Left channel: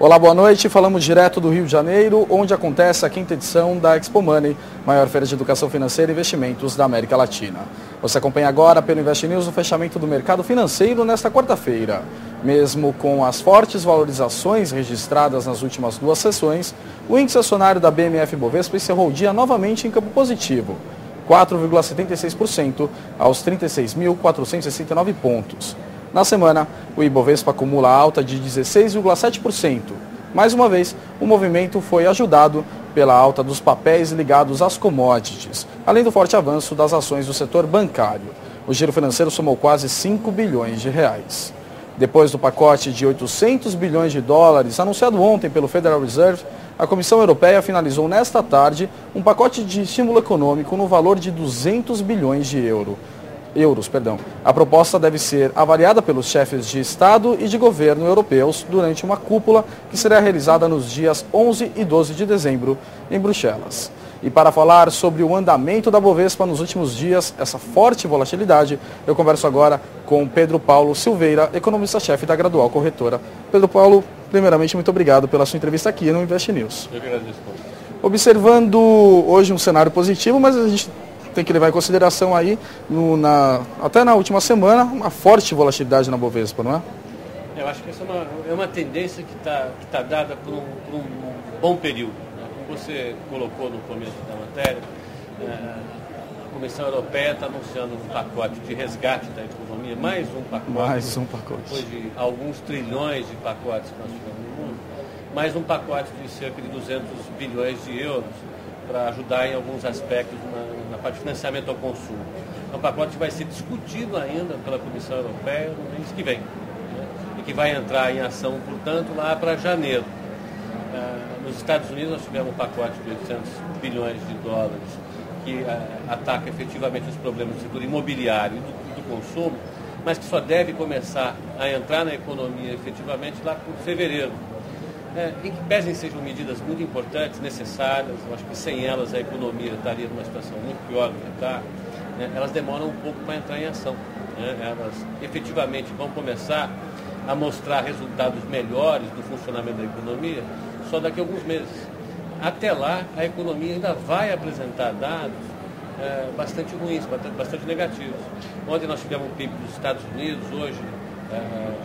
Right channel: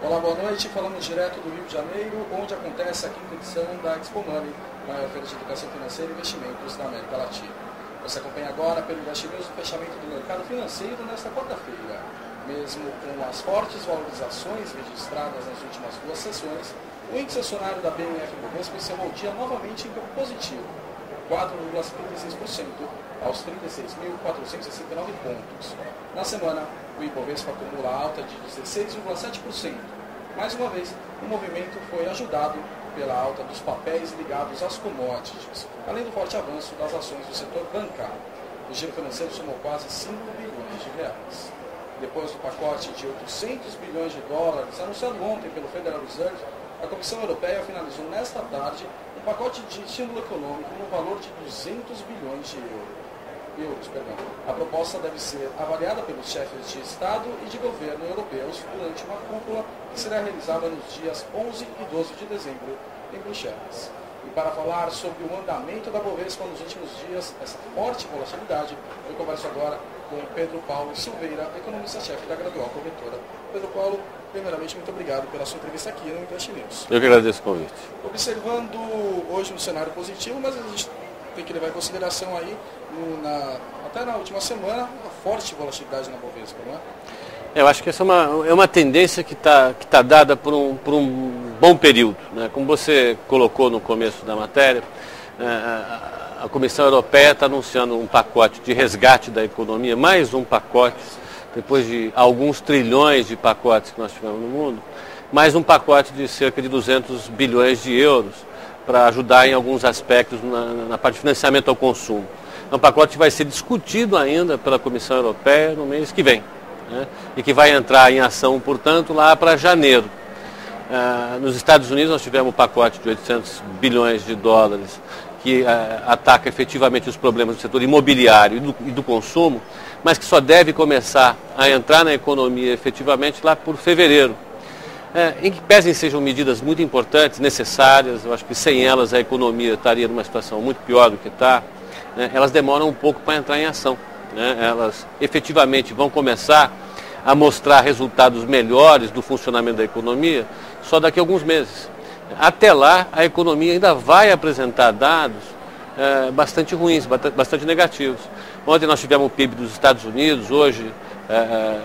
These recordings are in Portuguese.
Olá, boa noite. Falamos direto do Rio de Janeiro, onde acontece a 5ª edição da Expo Money, maior feira de educação financeira e investimentos da América Latina. Você acompanha agora pelo Invest News o fechamento do mercado financeiro nesta quarta-feira. Mesmo com as fortes valorizações registradas nas últimas duas sessões, o índice acionário da BMF-Bovespa encerrou o dia novamente em campo positivo, 4,76% aos 36.469 pontos. Na semana, o Ibovespa acumula alta de 16,7%. Mais uma vez, o movimento foi ajudado pela alta dos papéis ligados às commodities, além do forte avanço das ações do setor bancário. O giro financeiro somou quase 5 bilhões de reais. Depois do pacote de 800 bilhões de dólares anunciado ontem pelo Federal Reserve, a Comissão Europeia finalizou nesta tarde um pacote de estímulo econômico no valor de 200 bilhões de euros. A proposta deve ser avaliada pelos chefes de Estado e de governo europeus durante uma cúpula que será realizada nos dias 11 e 12 de dezembro em Bruxelas. E para falar sobre o andamento da Bovespa nos últimos dias, essa forte volatilidade, eu converso agora com Pedro Paulo Silveira, economista-chefe da Gradual Corretora. Pedro Paulo, primeiramente, muito obrigado pela sua entrevista aqui no Invest News. Eu que agradeço o convite. Observando hoje um cenário positivo, mas a gente tem que levar em consideração aí, até na última semana, uma forte volatilidade na Bovespa, não é? Eu acho que essa é uma tendência que tá dada por um bom período, né? Como você colocou no começo da matéria, a Comissão Europeia está anunciando um pacote de resgate da economia, mais um pacote, depois de alguns trilhões de pacotes que nós tivemos no mundo, mais um pacote de cerca de 200 bilhões de euros, para ajudar em alguns aspectos na parte de financiamento ao consumo. É um pacote que vai ser discutido ainda pela Comissão Europeia no mês que vem, né? E que vai entrar em ação, portanto, lá para janeiro. Nos Estados Unidos nós tivemos um pacote de 800 bilhões de dólares que ataca efetivamente os problemas do setor imobiliário e do consumo, mas que só deve começar a entrar na economia efetivamente lá por fevereiro. Em que pesem sejam medidas muito importantes, necessárias, eu acho que sem elas a economia estaria numa situação muito pior do que está, né? Elas demoram um pouco para entrar em ação, né? Elas efetivamente vão começar a mostrar resultados melhores do funcionamento da economia só daqui a alguns meses. Até lá, a economia ainda vai apresentar dados bastante ruins, bastante negativos. Ontem nós tivemos o PIB dos Estados Unidos, hoje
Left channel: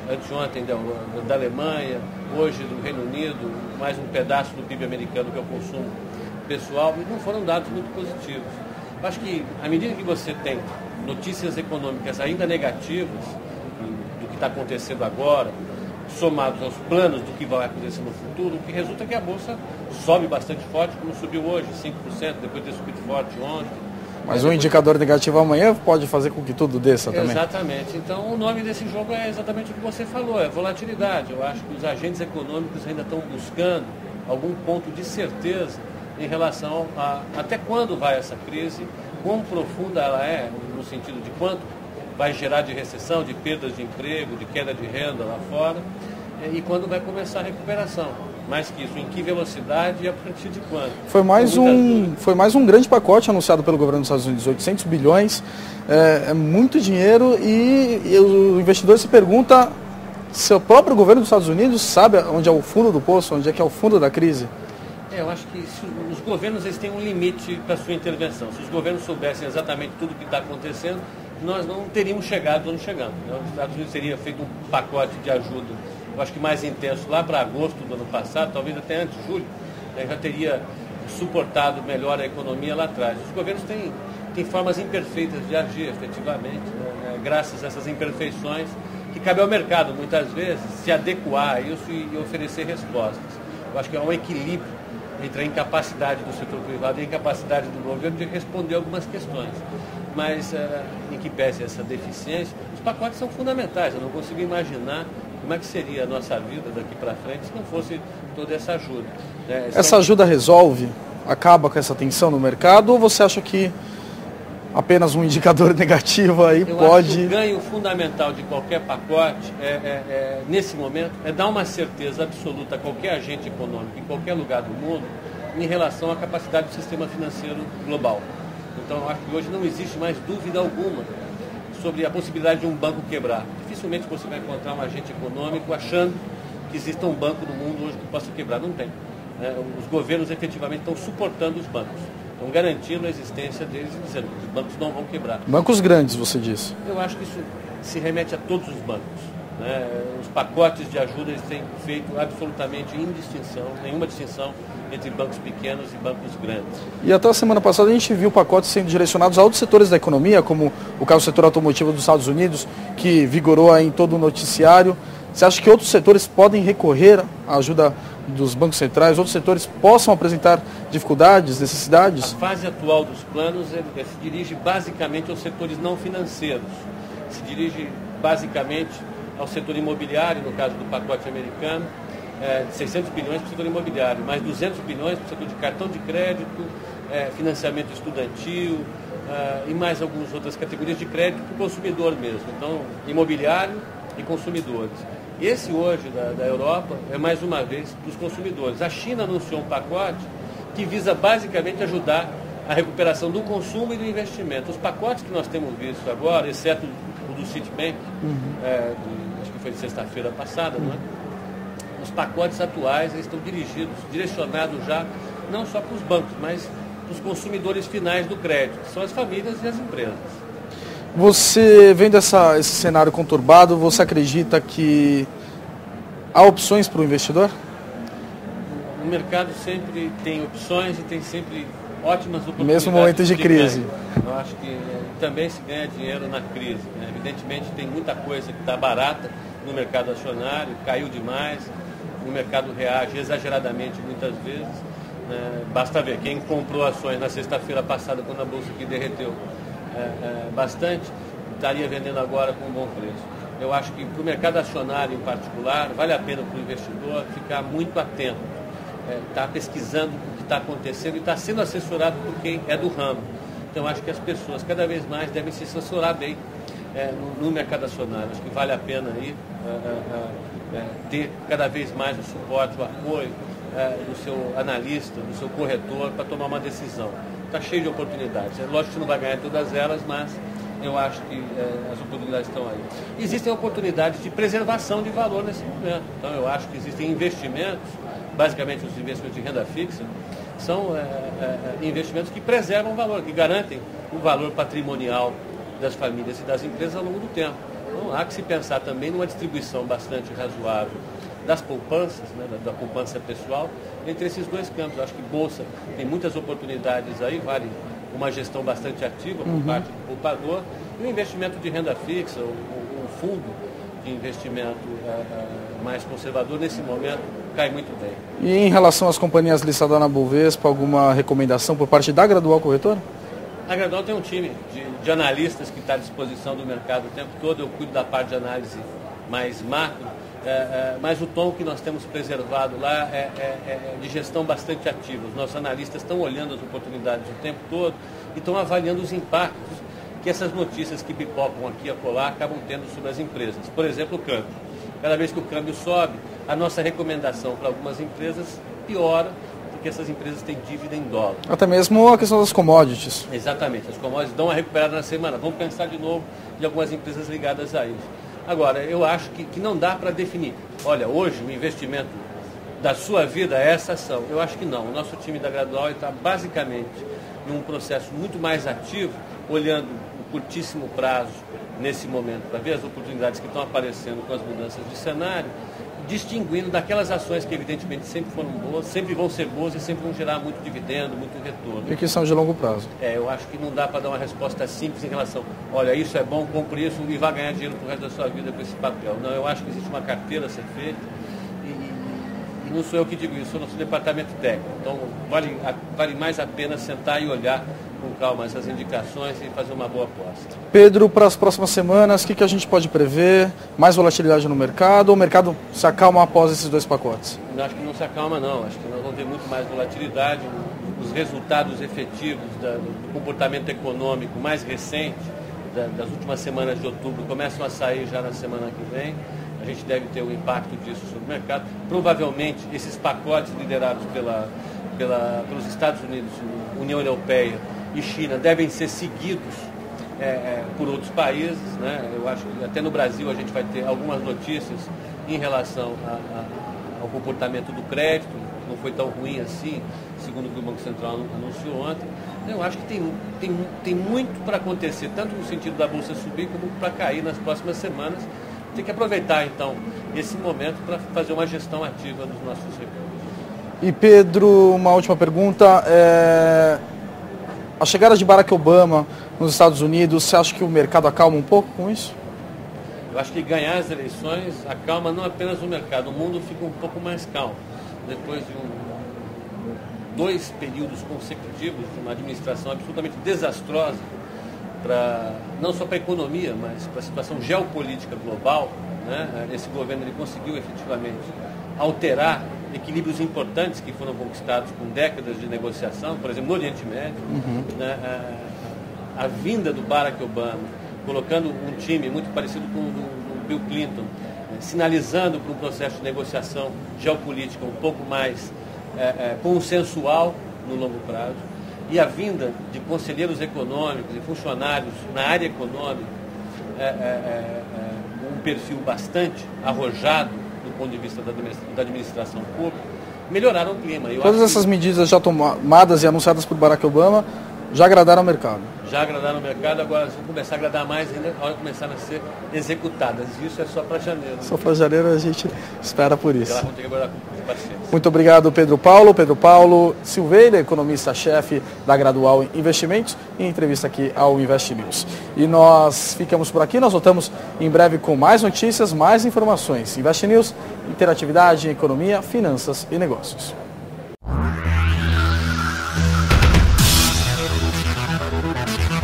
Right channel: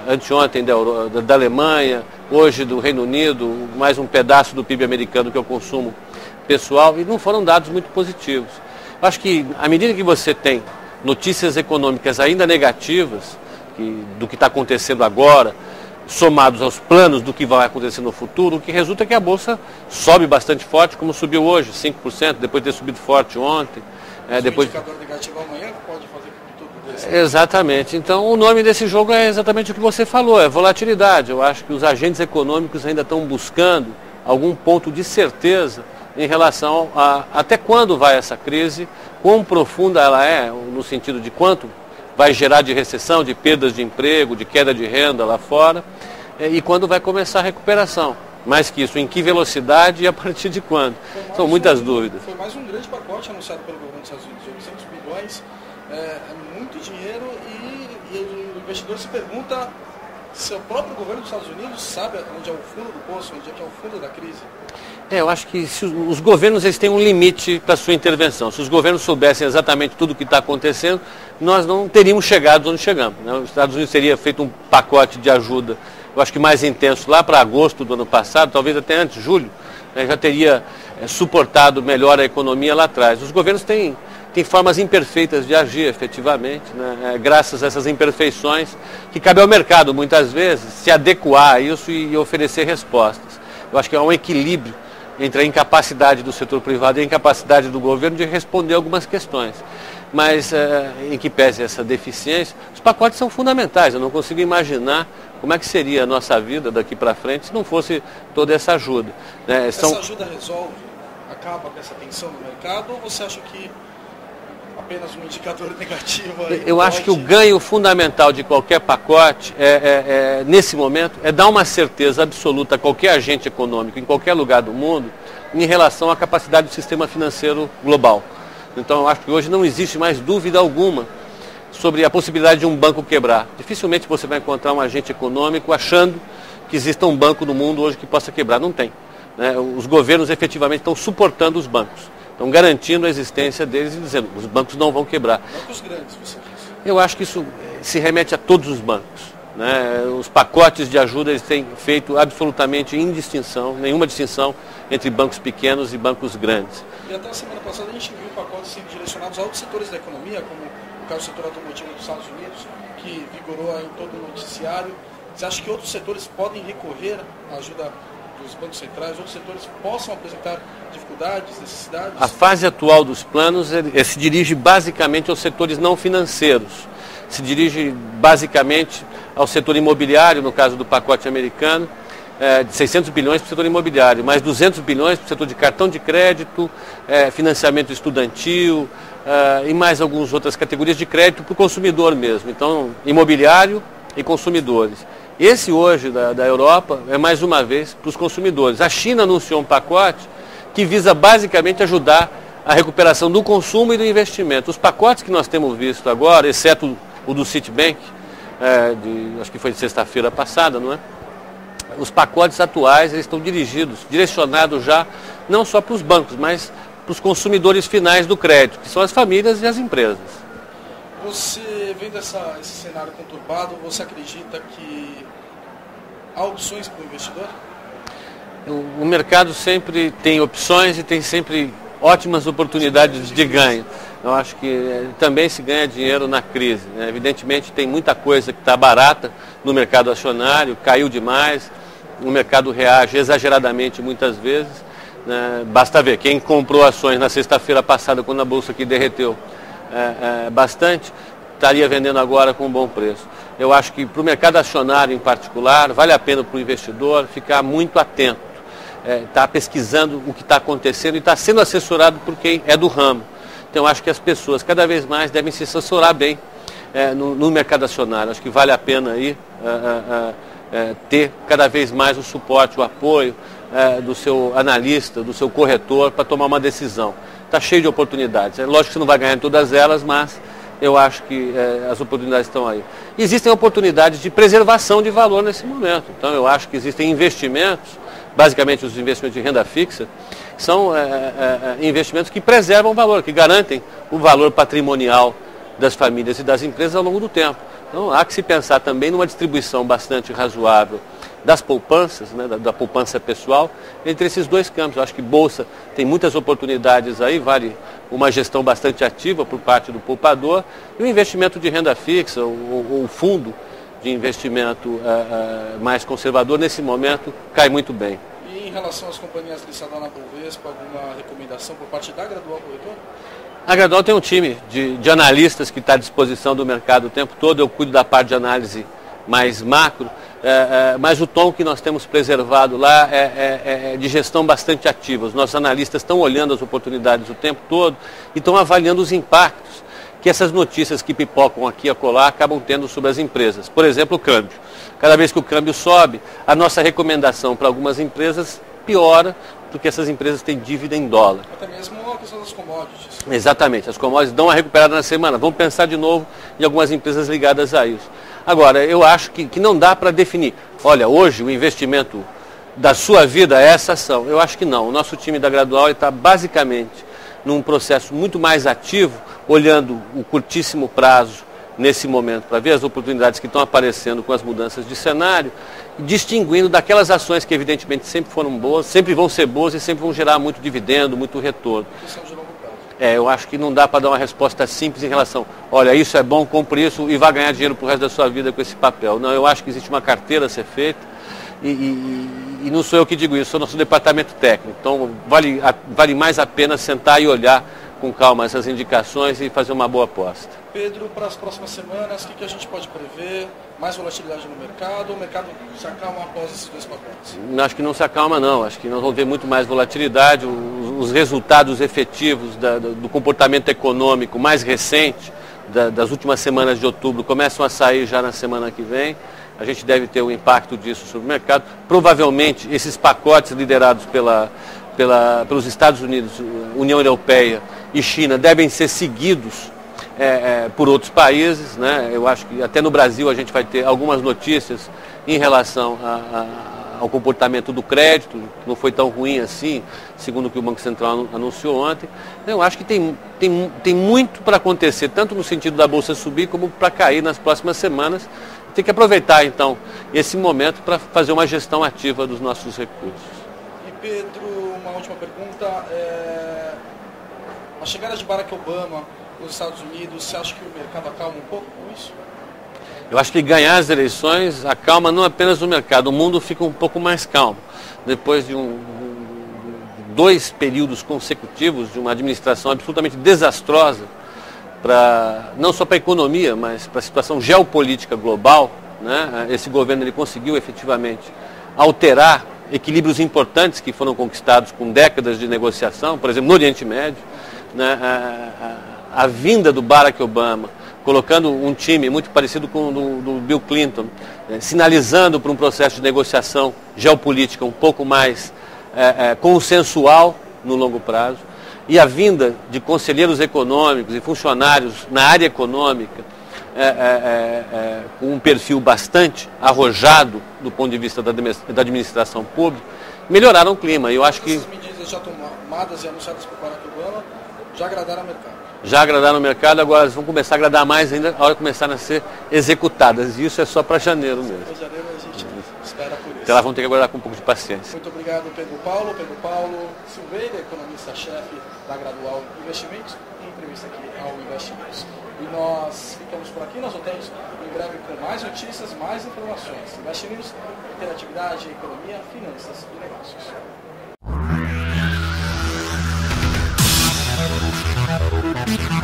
anteontem da Alemanha, hoje do Reino Unido, mais um pedaço do PIB americano que é o consumo pessoal, e não foram dados muito positivos. Eu acho que à medida que você tem notícias econômicas ainda negativas do que está acontecendo agora, somados aos planos do que vai acontecer no futuro, o que resulta é que a Bolsa sobe bastante forte, como subiu hoje, 5%, depois de ter subido forte ontem. Mas um indicador negativo amanhã pode fazer com que tudo desça também. Exatamente. Então, o nome desse jogo é exatamente o que você falou, é volatilidade. Eu acho que os agentes econômicos ainda estão buscando algum ponto de certeza em relação a até quando vai essa crise, quão profunda ela é, no sentido de quanto vai gerar de recessão, de perdas de emprego, de queda de renda lá fora, e quando vai começar a recuperação. Mais que isso, em que velocidade e a partir de quando? São muitas dúvidas. Foi mais um grande pacote anunciado pelo governo dos Estados Unidos, 800 bilhões, é muito dinheiro e o investidor se pergunta se o próprio governo dos Estados Unidos sabe onde é o fundo do poço, onde é que é o fundo da crise. Eu acho que os governos eles têm um limite para a sua intervenção. Se os governos soubessem exatamente tudo o que está acontecendo, nós não teríamos chegado onde chegamos, né? Os Estados Unidos teria feito um pacote de ajuda, eu acho que mais intenso, lá para agosto do ano passado, talvez até antes, julho, né, já teria suportado melhor a economia lá atrás. Os governos têm formas imperfeitas de agir, efetivamente, né, graças a essas imperfeições, que cabe ao mercado, muitas vezes, se adequar a isso e oferecer respostas. Eu acho que há um equilíbrio entre a incapacidade do setor privado e a incapacidade do governo de responder algumas questões. Mas, em que pese essa deficiência, os pacotes são fundamentais. Eu não consigo imaginar como é que seria a nossa vida daqui para frente se não fosse toda essa ajuda, né? Essa ajuda resolve, acaba com essa tensão no mercado, ou você acha que apenas um indicador negativo aí Eu acho que o ganho fundamental de qualquer pacote, nesse momento, é dar uma certeza absoluta a qualquer agente econômico, em qualquer lugar do mundo, em relação à capacidade do sistema financeiro global. Então, eu acho que hoje não existe mais dúvida alguma sobre a possibilidade de um banco quebrar. Dificilmente você vai encontrar um agente econômico achando que exista um banco no mundo hoje que possa quebrar. Não tem. Né? Os governos efetivamente estão suportando os bancos, estão garantindo a existência deles e dizendo que os bancos não vão quebrar. Bancos grandes, você disse. Eu acho que isso se remete a todos os bancos. Né? Os pacotes de ajuda eles têm feito absolutamente nenhuma distinção entre bancos pequenos e bancos grandes. E até a semana passada a gente viu pacotes sendo direcionados a outros setores da economia, como o caso do setor automotivo dos Estados Unidos, que vigorou aí em todo o noticiário. Você acha que outros setores podem recorrer à ajuda dos bancos centrais, outros setores possam apresentar dificuldades, necessidades? A fase atual dos planos se dirige basicamente aos setores não financeiros, se dirige basicamente ao setor imobiliário, no caso do pacote americano, de 600 bilhões para o setor imobiliário, mais 200 bilhões para o setor de cartão de crédito, financiamento estudantil e mais algumas outras categorias de crédito para o consumidor mesmo. Então, imobiliário e consumidores. Esse hoje da Europa é mais uma vez para os consumidores. A China anunciou um pacote que visa basicamente ajudar a recuperação do consumo e do investimento. Os pacotes que nós temos visto agora, exceto o do Citibank, acho que foi de sexta-feira passada, não é? Os pacotes atuais eles estão direcionados já não só para os bancos, mas para os consumidores finais do crédito, que são as famílias e as empresas. Você, vendo esse cenário conturbado, você acredita que há opções para o investidor? O mercado sempre tem opções e tem sempre ótimas oportunidades de ganho. Eu acho que também se ganha dinheiro na crise. Né? Evidentemente tem muita coisa que está barata no mercado acionário, caiu demais, o mercado reage exageradamente muitas vezes. Né? Basta ver, quem comprou ações na sexta-feira passada, quando a bolsa aqui derreteu bastante, estaria vendendo agora com um bom preço. Eu acho que para o mercado acionário em particular, vale a pena para o investidor ficar muito atento, estar pesquisando o que está acontecendo e estar sendo assessorado por quem é do ramo. Então, eu acho que as pessoas cada vez mais devem se assessorar bem no mercado acionário. Acho que vale a pena aí ter cada vez mais o suporte, o apoio do seu analista, do seu corretor para tomar uma decisão. Está cheio de oportunidades. É lógico que você não vai ganhar em todas elas, mas eu acho que as oportunidades estão aí. Existem oportunidades de preservação de valor nesse momento. Então, eu acho que existem investimentos, basicamente os investimentos de renda fixa, são investimentos que preservam o valor, que garantem o valor patrimonial das famílias e das empresas ao longo do tempo. Então, há que se pensar também numa distribuição bastante razoável das poupanças, né, da poupança pessoal, entre esses dois campos. Eu acho que Bolsa tem muitas oportunidades aí, vale uma gestão bastante ativa por parte do poupador, e o investimento de renda fixa, ou fundo de investimento mais conservador, nesse momento, cai muito bem. E em relação às companhias listadas na Bovespa, alguma recomendação por parte da Gradual Corretora? A Gradual tem um time de analistas que está à disposição do mercado o tempo todo. Eu cuido da parte de análise mais macro, mas o tom que nós temos preservado lá é de gestão bastante ativa. Os nossos analistas estão olhando as oportunidades o tempo todo e estão avaliando os impactos que essas notícias que pipocam aqui e acolá acabam tendo sobre as empresas. Por exemplo, o câmbio. Cada vez que o câmbio sobe, a nossa recomendação para algumas empresas piora, porque essas empresas têm dívida em dólar. Até mesmo a questão das commodities. Exatamente, as commodities dão uma recuperada na semana. Vamos pensar de novo em algumas empresas ligadas a isso. Agora, eu acho que não dá para definir. Olha, hoje o investimento da sua vida é essa ação. Eu acho que não. O nosso time da Gradual está basicamente num processo muito mais ativo, olhando o curtíssimo prazo nesse momento, para ver as oportunidades que estão aparecendo com as mudanças de cenário, distinguindo daquelas ações que evidentemente sempre foram boas, sempre vão ser boas e sempre vão gerar muito dividendo, muito retorno. E que são de longo prazo. Eu acho que não dá para dar uma resposta simples em relação, olha, isso é bom, compre isso e vai ganhar dinheiro para o resto da sua vida com esse papel. Não, eu acho que existe uma carteira a ser feita e não sou eu que digo isso, sou nosso departamento técnico. Então vale mais a pena sentar e olhar com calma essas indicações e fazer uma boa aposta. Pedro, para as próximas semanas, o que a gente pode prever? Mais volatilidade no mercado ou o mercado se acalma após esses dois pacotes? Acho que não se acalma não, acho que nós vamos ter muito mais volatilidade, os resultados efetivos do comportamento econômico mais recente das últimas semanas de outubro começam a sair já na semana que vem. A gente deve ter um impacto disso sobre o mercado. Provavelmente esses pacotes liderados pelos Estados Unidos, União Europeia e China devem ser seguidos por outros países, né? Eu acho que até no Brasil a gente vai ter algumas notícias em relação ao comportamento do crédito, que não foi tão ruim assim, segundo o que o Banco Central anunciou ontem. Eu acho que tem muito para acontecer, tanto no sentido da Bolsa subir, como para cair nas próximas semanas. Tem que aproveitar, então, esse momento para fazer uma gestão ativa dos nossos recursos. E, Pedro, uma última pergunta. A chegada de Barack Obama nos Estados Unidos, você acha que o mercado acalma um pouco com isso? Eu acho que ganhar as eleições acalma não apenas o mercado, o mundo fica um pouco mais calmo. Depois de dois períodos consecutivos de uma administração absolutamente desastrosa, não só para a economia, mas para a situação geopolítica global, né? Esse governo ele conseguiu efetivamente alterar equilíbrios importantes que foram conquistados com décadas de negociação, por exemplo, no Oriente Médio. Né? A vinda do Barack Obama, colocando um time muito parecido com o do Bill Clinton, sinalizando para um processo de negociação geopolítica um pouco mais consensual no longo prazo, e a vinda de conselheiros econômicos e funcionários na área econômica, com um perfil bastante arrojado do ponto de vista da administração pública, melhoraram o clima. Todas essas medidas já tomadas e anunciadas por Barack Obama já agradaram o mercado. Já agradaram o mercado, agora elas vão começar a agradar mais ainda a hora que começarem a ser executadas. E isso é só para janeiro. Só para janeiro a gente espera por isso. Elas vão ter que aguardar com um pouco de paciência. Muito obrigado, Pedro Paulo. Pedro Paulo Silveira, economista-chefe da Gradual Investimentos, em entrevista aqui ao Invest News. E nós ficamos por aqui, nós voltamos em breve com mais notícias, mais informações. Invest News, interatividade, economia, finanças e negócios. Thank you.